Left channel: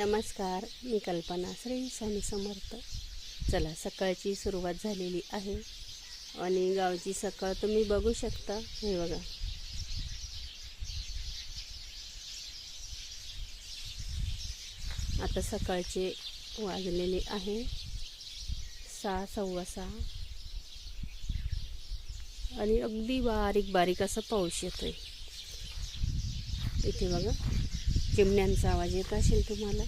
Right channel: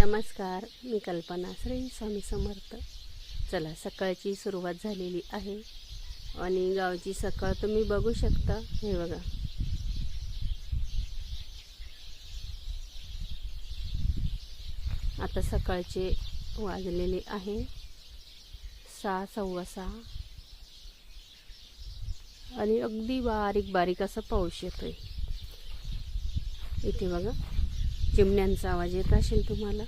नमस्कार मी कल्पना श्री स्वामी समर्थ. चला सकाळची सुरुवात झालेली आहे. आणि गावची सकाळ तुम्ही बघू शकता. हे बघा. आता सकाळचे वाजलेले आहे. सहा सव्वा सहा. आणि अगदी बारीक बारीक असा पाऊस येतोय. इथे बघा. चिमण्यांचा आवाज येत असेल तुम्हाला?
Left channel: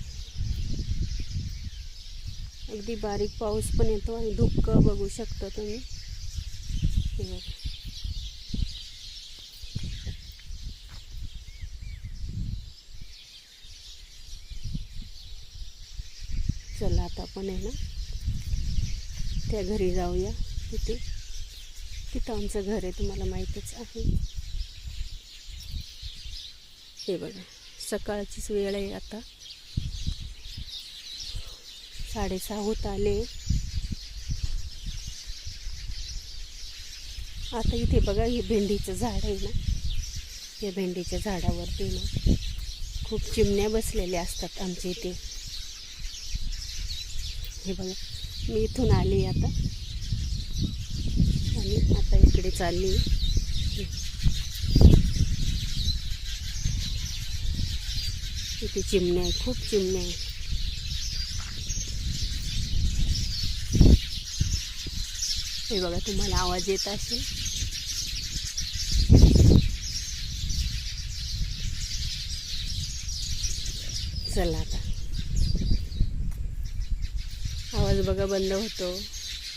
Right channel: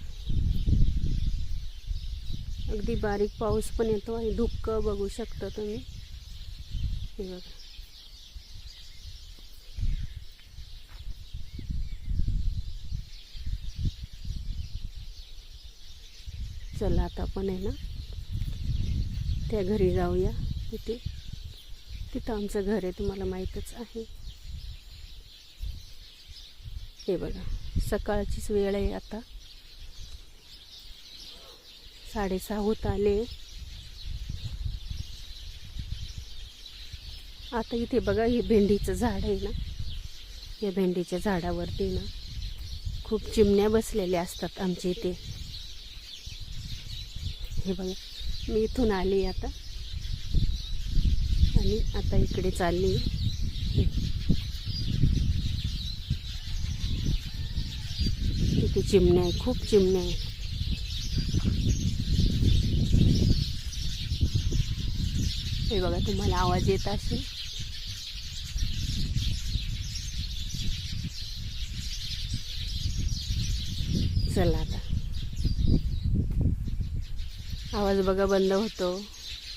अगदी बारीक पाऊस पण येतो आणि धुक्क बघू शकता तुम्ही. हे बघा. चला आता आपण आहे ना त्या घरी जाऊया तिथे. तिथं आमचं घर आहे तुम्हाला माहीतच आहे. हे बघा. सकाळचीच वेळ आहे आता. साडेसहा होत आले. आता इथे बघा हे भेंडीचं झाड आहे ना. या भेंडीच्या झाडावरती ना खूप चिमण्या बसलेल्या असतात आमच्या इथे. हे बघा मी इथून आली आता. आणि आता इकडे चालली. इथे चिमण्या आहे खूप चिमण्या आहे हे बघा तुम्हाला आवाज येत असेल. चला आता. आवाज बघा बंद होतो.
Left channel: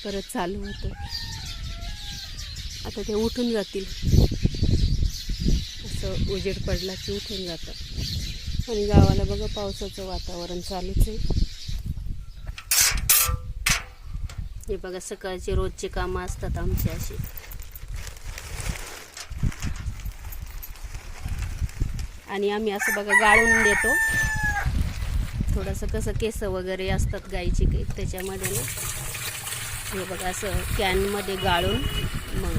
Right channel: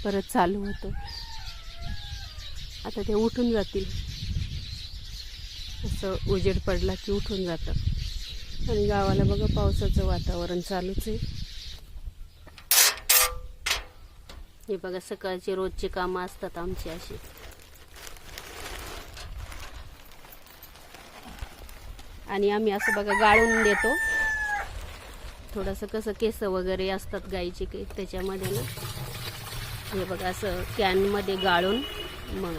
परत चालू होतो. आता ते उठून जातील. असं उजेड पडला की उठून जातं आणि गावाला बघा पावसाचं वातावरण चालूच आहे. हे बघा सकाळचे रोजचे कामं असतात आमचे असे. आणि आम्ही असं बघा गाळून देतो. थोडंसं कसं केस वगैरे असतात गाईचे काही त्याच्यामध्ये ना. हे बघा असं कॅनमध्ये गाळून मग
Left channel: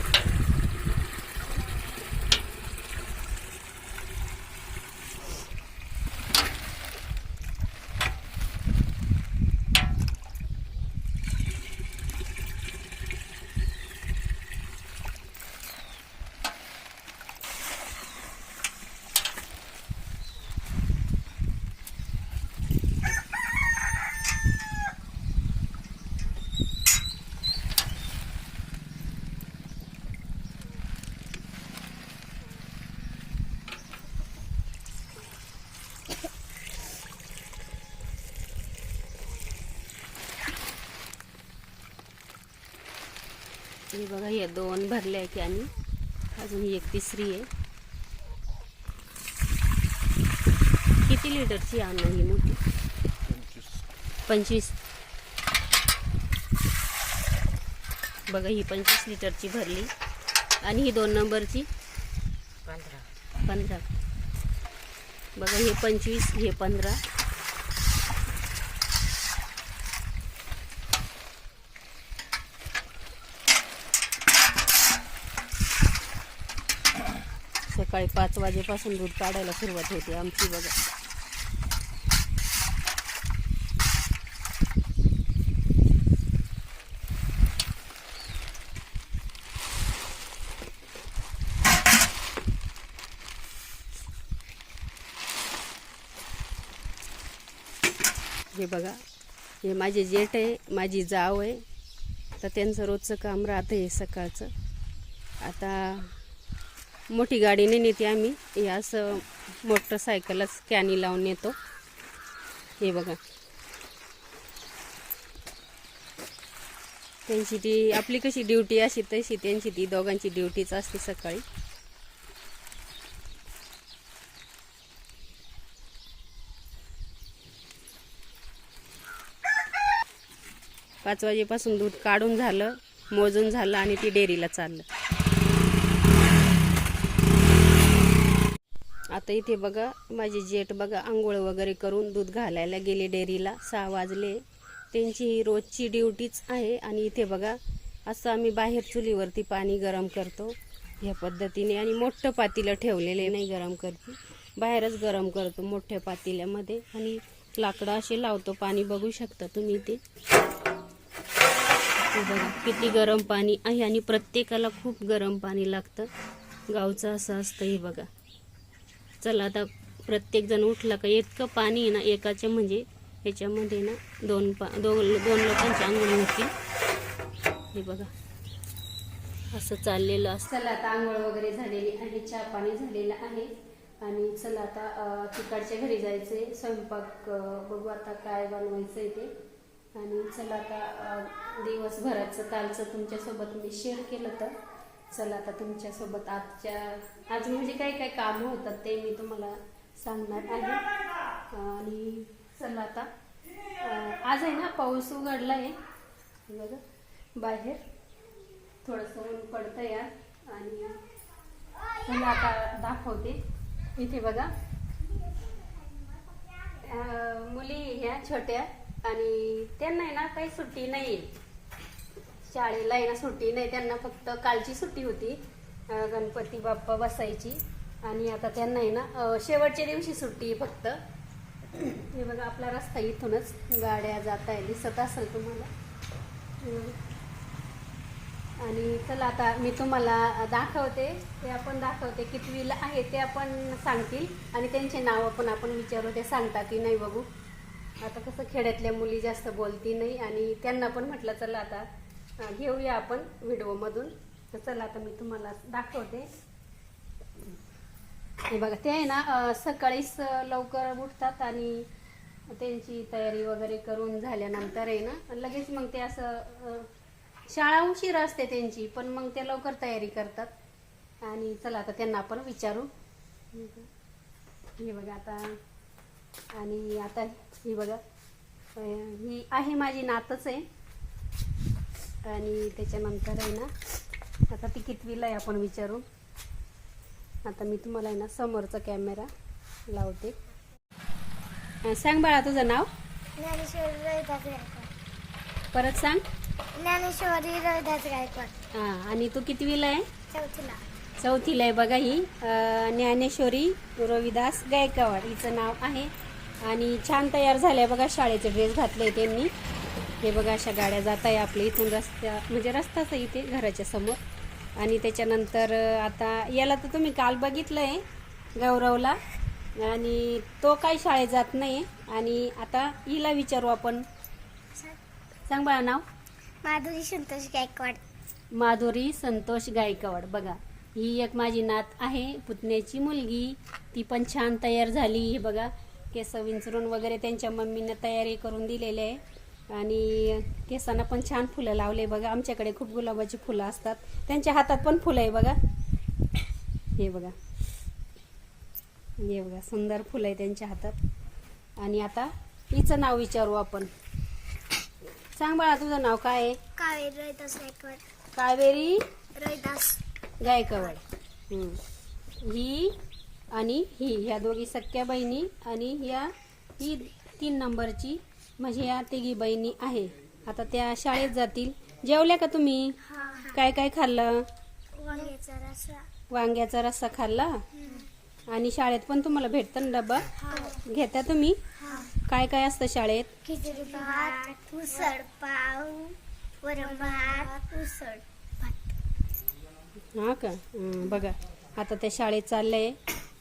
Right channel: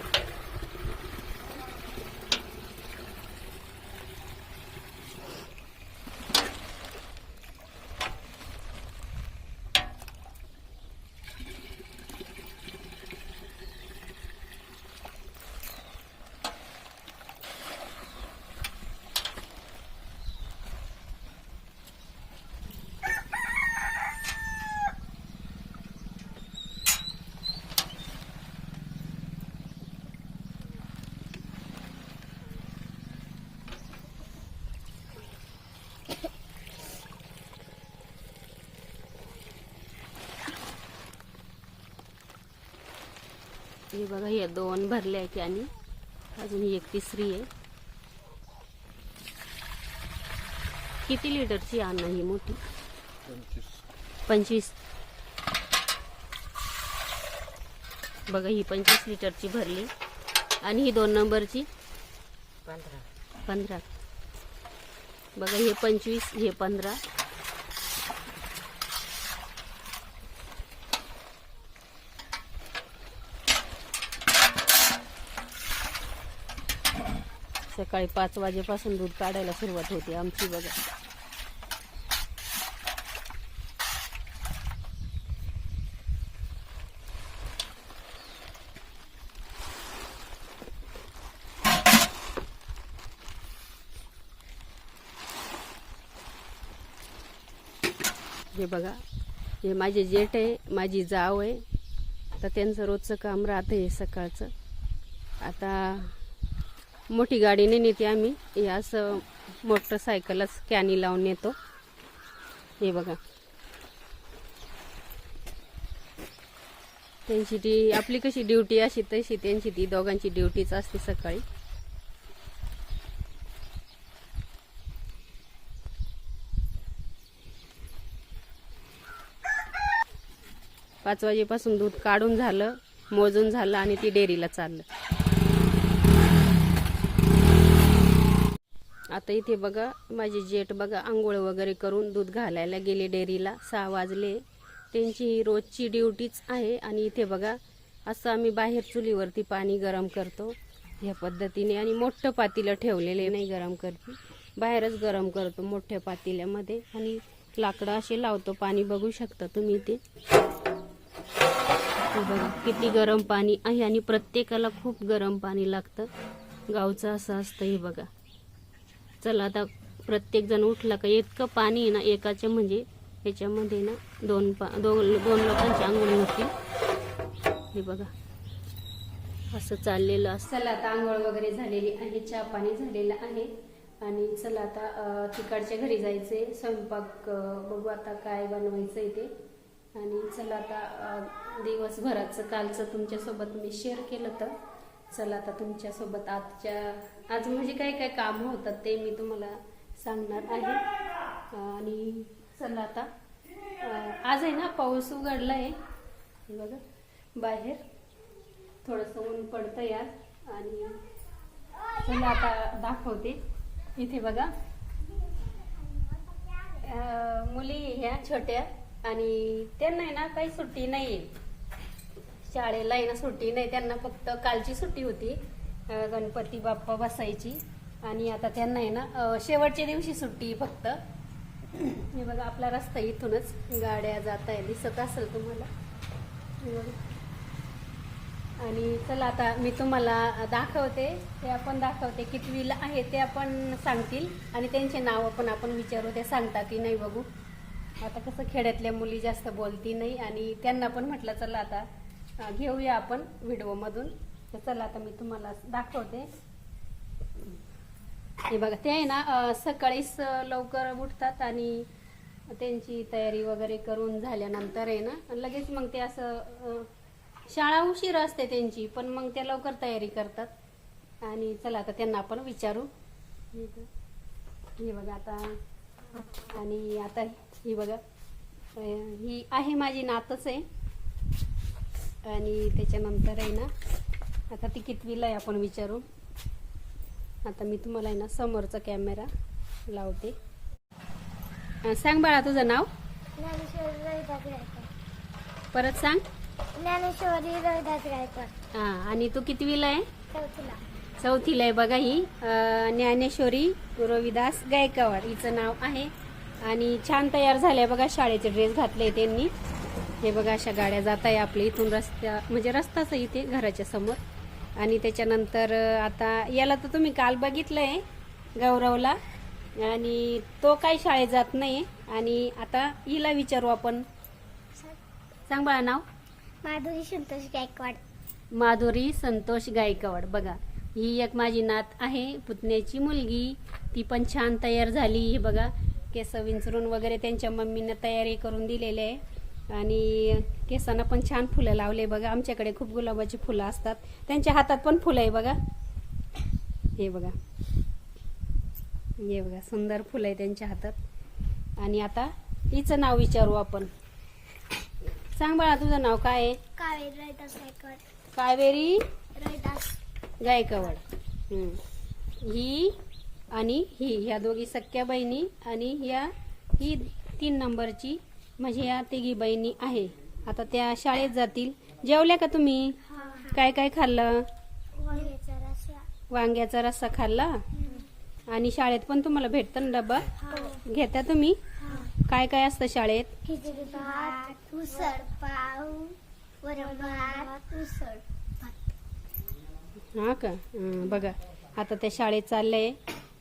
हे बघा हे दोन भरले आहे कॅनी अजून ही एक तिसरी आहे. किती लिटरची आणा ही मोठी? पंचवीस. बघा ही पंचवीस लिटरची भरली. आणि ही दोन नंबरची? पंधरा. बघा हे पंचवीस हे पंधरा. सकाळी पाच वाजेपासून दूध काढायला सुरुवात होते आमची बघा. हे बघा हे माझे जेठ आहे माझी जाव आहे. तर त्यांचं रोजचं काम राहतं आहे सकाळचं. आता मोठी गाडीने नेते आम्ही. हे असं मोटरसायकलच कॅनी लावून नेतो. हे बघा. त्यांची ती आपली कशी ड्युटी अशी तशी त्यांची ती दोघांची ड्युटीच असते सकाळी. पाच वाजेपासून दूध काढून झालं मोजून झालं आणि ती डेअरीला चाललं. आता इथे बघा माझी जेट बघा आंघोळ वगैरे करून दूध घालायला गेले डेअरीला. सहा वाजले. त्यांची ही रोजची ड्युटीच आहे आणि इथे बघा असं आम्ही बाहेर चुलीवरती पाणी गरम करतो. ह्या पद्धतीने आणि मोठं पातीलं ठेवलेले नाही गरम करते. बाहेरच गरम करतो मोठ्या पातेल्यामध्ये आणि लाकडं असे लावतो. पाणी बघू शकता तुम्ही ते बघा किती गरम पाणी आहे आणि प्रत्येकाला खूप गरम पाणी लागतं. गावचं असं असतं हे बघा. चला आता प्रत्येकजण उठला का? इतकं पाणी आहे ना एकाचे म्हणजे ह्याच्यामध्ये ना दोन पा दोन दोन लोकांची आंघोळी होती. हे बघा. असं चाललेलं असं चला आता आंघोळ वगैरे झालेली आहे चहा पाणी झालेलं आहे. आणि चला आता तिकडच्या घरी जायचे स्वयंपाक बघू आता काय बनवायचंय ते. आणि चला आता दिवसभराचं कालचं तुमच्यासोबत मी शेअर केलं तर चला आता तुमच्यासोबत आजच्या आज म्हणजे काय काय कामं होतात ते मी तुम्हाला सांगणार आहे. आणि चला आता. आज आहे ना पाऊस उघडला आहे बघा बाहेर. थोडंसं ऊन पडतं यार आणि चला आता दाखवते. इथे बघा. मुली ह्या छोट्या आणि त्यांना आहे ना काही सुट्टी नाही शाळेला आहे ना सुट्टी नाही त्यांना फक्त कालची सुट्टी होती गणपती बाप्पा बसायची. आणि आता त्यांना आहे ना शेवटच्या दिवशी सुट्टी फक्त. हे बघा आपला रस्ता इथूनच गाड्या जात आहे दिसत असेल तुम्हाला. आणि चला आता मी तुम्हाला दाखवते ते आपण दाखवते कितवीला आहे ते आपण सांगतील. आणि त्यांचे नाव पण आपण विचारू ते सांगता की नाही बघू. आता कसं खेड्यातल्या मुली जास्त बोलती नाही आणि त्यांना पण म्हटलं चला आता घेऊया आपण व्हिडिओमधून तर चला आता मी तुम्हाला दाखवते. हे बघा ते आहे ना सकाळीच लवकर उठतात आणि त्यांची तयारी वगैरे करून झाल्यानंतर आहे ना लगेच मग ते असं शाळा उशीर असते त्यांची पण मग ते लवकर तयारी करतात. आणि चला आता त्यांना आपण विचारू. हे बघा आता. आणि आता ही बघा ही आहे माझी नातच आहे. आणि त्याच्यानंतर आहे ना आता ती कितवीला आहे आपण विचारू आता मी तुम्हाला आहे ना समोरचा कॅमेरा लावते. सांग बाळा तुझं नाव. परत सांग. ज्ञानेश्वरी रविदास गायकवाड. हा आणि तू कितवीला आहे? चौथीला. चौथीला आहे बघा ही. ज्ञानेश्वरी रविदास गायकवाड हिचं नाव आहे. आणि छान तयार झाल्या बघा शाळेचे ड्रेस घातले त्यांनी. हे बघा अशा गाड्या जात आहे आपल्या इथून रस्त्या म्हणजे रस्ताच आहे इथे घराच्या समोर. आणि त्याच्यानंतर आता याला तर तुम्ही काल बघितलंय गौरवला. आणि तो काही शाळेत जात नाही आणि आता हिला विचारू आपण. सांग बाळा नाव. माधुरी संतोष गायकवाड. माधुरी संतोष गायकवाड. बघा ही एक माझी नात आहे पुतण्याची मुलगी. ती पण छान तयार झाली. हे बघा केस विंचरून वगैरे त्यांच्या मम्मीनं तयारी करून दिलेली आहे. आणि केसांना पण छान फुलं लावले बघा. आमच्याकडे खूप गुलाबाची फुलं असतात. त्यांच्या हातात पण फुलं आहे बघा. हे बघा. हे बघा सुंदर फुलं आहे त्यांच्या हातात. आणि आता हिचं नाव विचारू आपण. सांग बाळा तुझं नाव काय आहे? कावेरी गायकवाड. कावेरी गायकवाड. ही आणि ही ह्या दोघी सख्या बहिणी आणि ह्या ही तीन नंबरची म्हणजे ह्या तिघी बहिणी आहे. आता त्या शाळेत जातील. जेवल्या का तुम्ही? हा काय काय खाल्लं? वांग्याचा रस्सा. वांग्याचा रस्सा खाल्ला? आणि शाळेत पण तुम्हाला भेटतं ना डब्बा घेता तुम्ही? काय काय असतं शाळेत? खिचडी भात उसळ पाव वरण भात उसळ हा का? हं, बघा. आता त्या शाळेत चाललंय.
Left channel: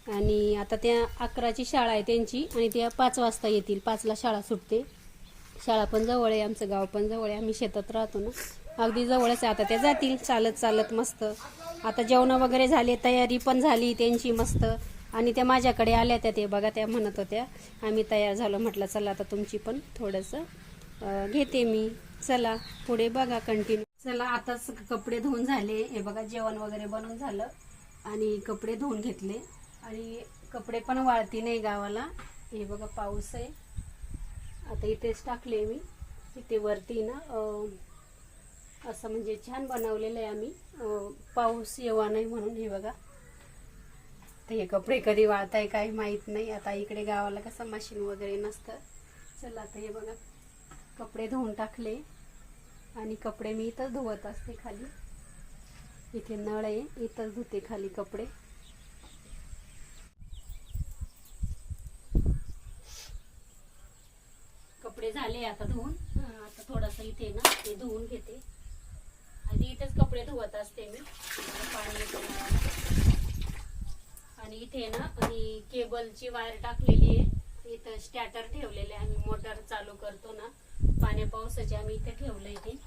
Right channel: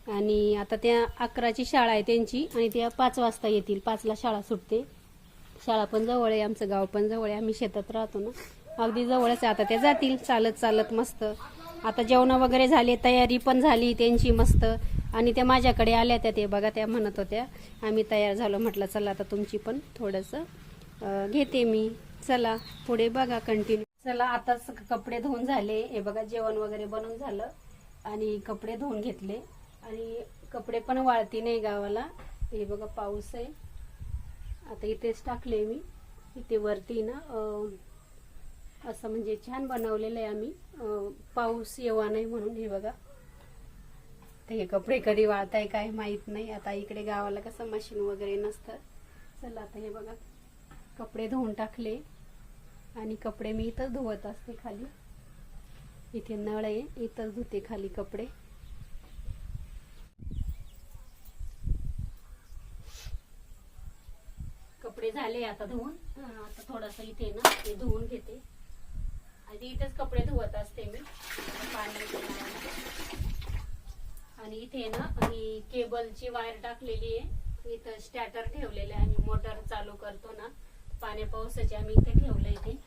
आणि आता त्या अकराची शाळा आहे त्यांची. आणि त्या पाच वाजता येतील. पाचला शाळा सुटते. शाळा पण जवळ आहे आमचं गाव पण जवळ आहे आम्ही शेतात राहतो ना. अगदी जवळच आहे आता त्या जातील चालत चालत मस्त. आता जेवणं वगैरे झाले तयारी पण झाली त्यांची मस्त. आणि त्या माझ्याकडे आल्या त्या ते बघा त्या म्हणत होत्या आम्ही तयार झालो. म्हटलं चला आता तुमची पण थोडंसं घेते मी. चला पुढे बघा कंटिन्यू चला आताच कपडे धुवून झाले. हे बघा जेवण वगैरे बनवून झालं. आणि कपडे धुवून घेतले. आणि कपडे पण वाळती नाही गावाला. हे बघा पाऊस आहे. आता इथेच टाकले मी. इथे वरती ना असं म्हणजे छान बनवलेलं आहे आम्ही. पाऊस येवा नाही म्हणून हे बघा. तर हे कपडे कधी वाळताय काही माहीत नाही. आता इकडे गावाला कसं मशीन वगैरे नसतं. चला आता हे बघा. कपडे धुवून टाकले. आणि कपडे मी इथंच धुवत असते खाली. इथे नळ आहे. इथंच धुते खाली कपडे कपडे झाले आता धुवून. आता थोडंसं इथे ना हे धुवून घेते. आणि इथेच कपडे धुवत असते मी. पाणी. आणि इथे ना ही केबलची वायर टाकलेली आहे. इथं स्टॅटर ठेवलेले आहे. मोटर चालू करतो ना. पाण्या पावसाचे आम्ही इथे ठेवलं इथे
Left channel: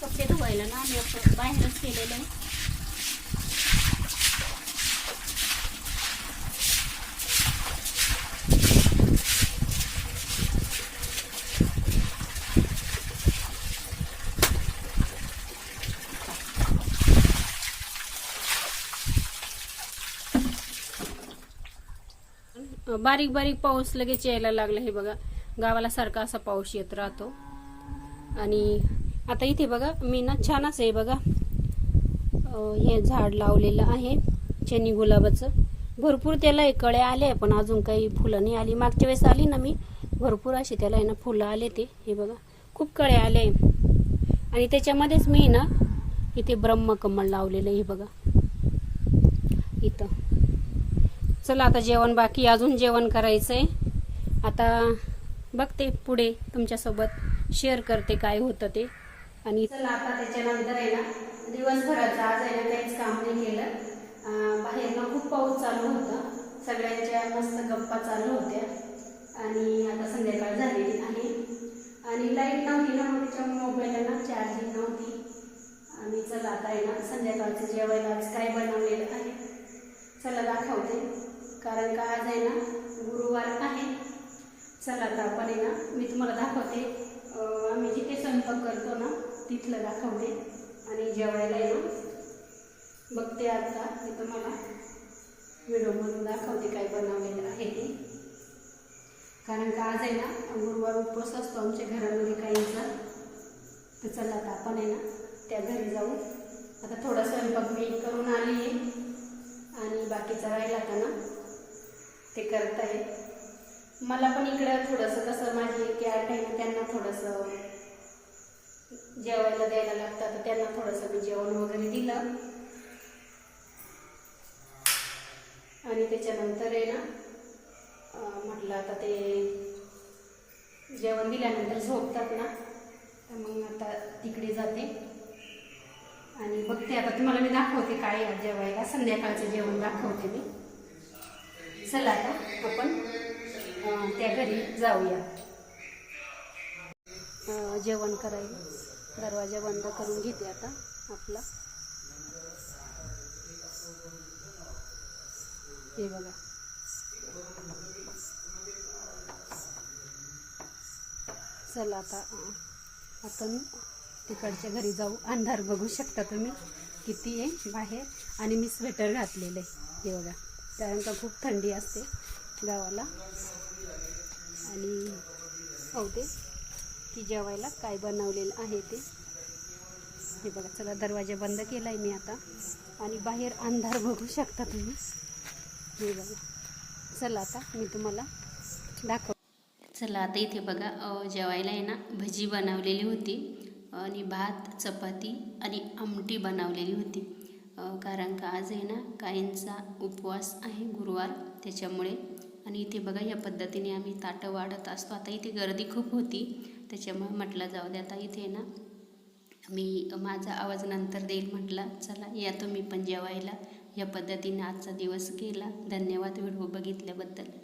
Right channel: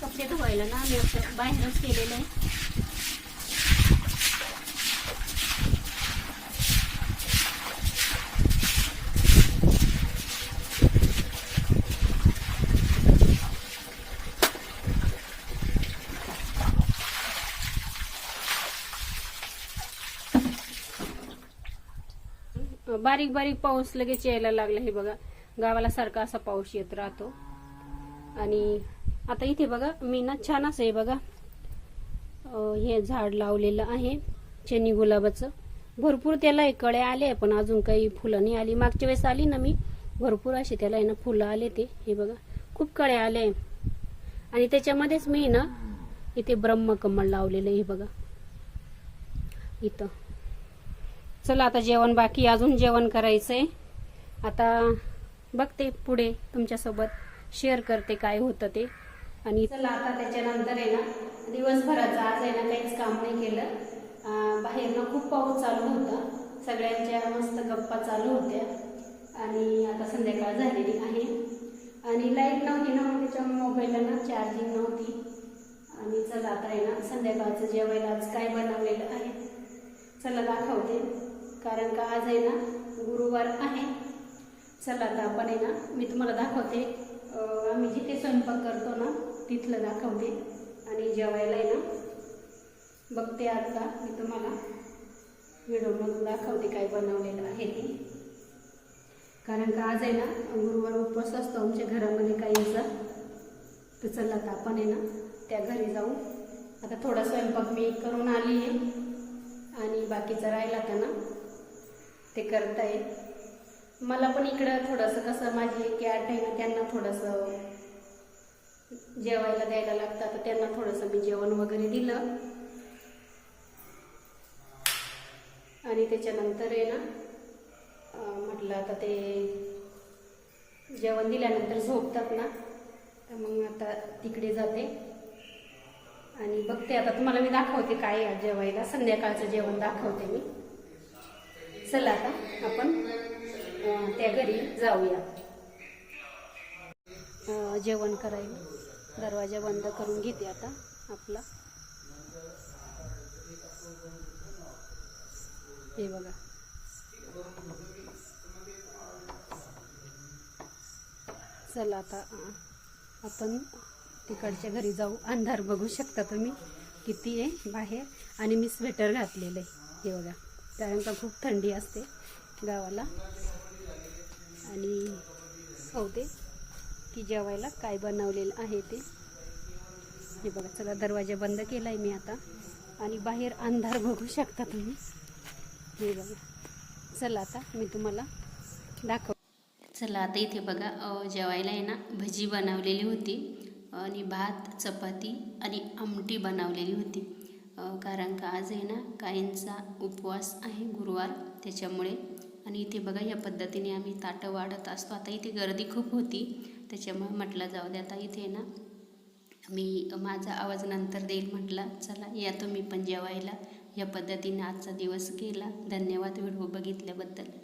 कपडे धुवायला असं बाहेरच केलेलं आहे बारीक बारीक पाऊस लगेच यायला लागला हे बघा. गावाला सारखा असा पाऊस येत राहतो. आणि आता इथे बघा मी ना छान असं आहे बघा. हे झाड लावलेलं आहे चनी गुलाबाचं. भरपूर त्याला कळे कळ्या आले पण अजून काही फुलं नाही आली. मागच्या वेळेस आली ना मी भरपूर असे त्याला आहे ना फुलं आले ते. हे बघा खूप कळ्या आले आणि त्याच्यामध्येच मी ना इथे ब्रह्मकमळ लावलेलं हे बघा. इथं. चला आता जेवण बाकी अजून जेवण करायचंय. आता बघते पुढे तुमच्यासोबत. शेअर करते काय होतं ते. आणि चला आता त्याच्यानंतर आहे ना दिवसभराचं आज आहे ना काहीच काम नाही केलं. बाहेरनं बाहेर ना खूप पाऊस चालू होता. सगळ्यांच्या मस्त गप्पा चालू होत्या. आणि आता संध्याकाळ झालेली आहे. आणि लाइट नव्हती ना मग त्याच्या मोबाईलला ना चार्जिंग नव्हती. आणि चला आता आहे ना संध्याकाळचं जेवायला आज काय बनवलेलं आहे? चला दाखवते. कारण का आज आहे ना गुरुवार आहे. चला आता आपण आहे ना मी तुम्हाला दाखवते. आम्ही जिथे स्वयंपाक करतो ना तिथलं दाखवते. आणि जेवायला आहे ना बघते आता मी तुम्हाला. व्हिडिओमधून दाखवते काय बनवलेलं आहे ते. कारण का आज आहे ना गुरुवार उपवास असतो आमच्या घरामध्ये काहींचा. तर चला आता आपण आहे ना त्या घरी जाऊ. आता थोडा स्वयंपाक मी करून आली आहे. आणि बाकीचं राहिला का ना ते करता येईल मला पण इकडं थोडंसं कसं माझी कॅट आहे ना त्यांना थोडंसं जेवायला द्यायला लागतं तर त्यांना थोडंसं मी जेवण वगैरे दिलं. आणि त्याच्यानंतर आहे ना म्हटलं आता ते जेवण दिल्यानंतर झोपतात ना तर मग आता तिकडे जाते. आणि बघते आता तुम्हाला मी दाखवते काय जेवायला. संध्याकाळचं जेवण दाखवते मी. चला आता आपण त्या घरी जाऊया. जेवण करायला. दरवाजा बंद करून घेते आता आपला. हे बघा. चला आता आपण तिकडच्या घरी जाऊ. अंधार बघू शकता तुम्ही किती आहे बाहेर. आणि मी स्वेटर घातलेलं आहे. हे बघा. कारण का खूप थंडी असते गावाला. आणि हो ते. की जेवायला काय बनवलेलं आहे ते. हे बघा चला दरवाजा बंद केला आहे मी आता. आणि बाहेर अंधार बघू शकता तुम्ही. हे बघा. चला आता मी तुम्हाला दाखव चला आता इथे बघा जेवायला आहे ना भजी बनवलेली होती. आणि भात चपाती आणि आमटी बनवलेली होती. कारण का आज आहे ना काहींचा उपवास आहे गुरुवार त्याच्यामुळे. आणि इथे बघा या पद्धतीने आम्ही ताटं वाढत असतो. आता इथे गर्दी खूप होती. त्याच्यामुळे म्हटलं जाऊ दे आता इथे ना. मी माझा आवाज नंतर देईल म्हटला चला या तुम्ही पण जेवायला. या पद्धतीने आजचा दिवस गेला. धन्यवाद व्हिडिओ बघितल्याबद्दल.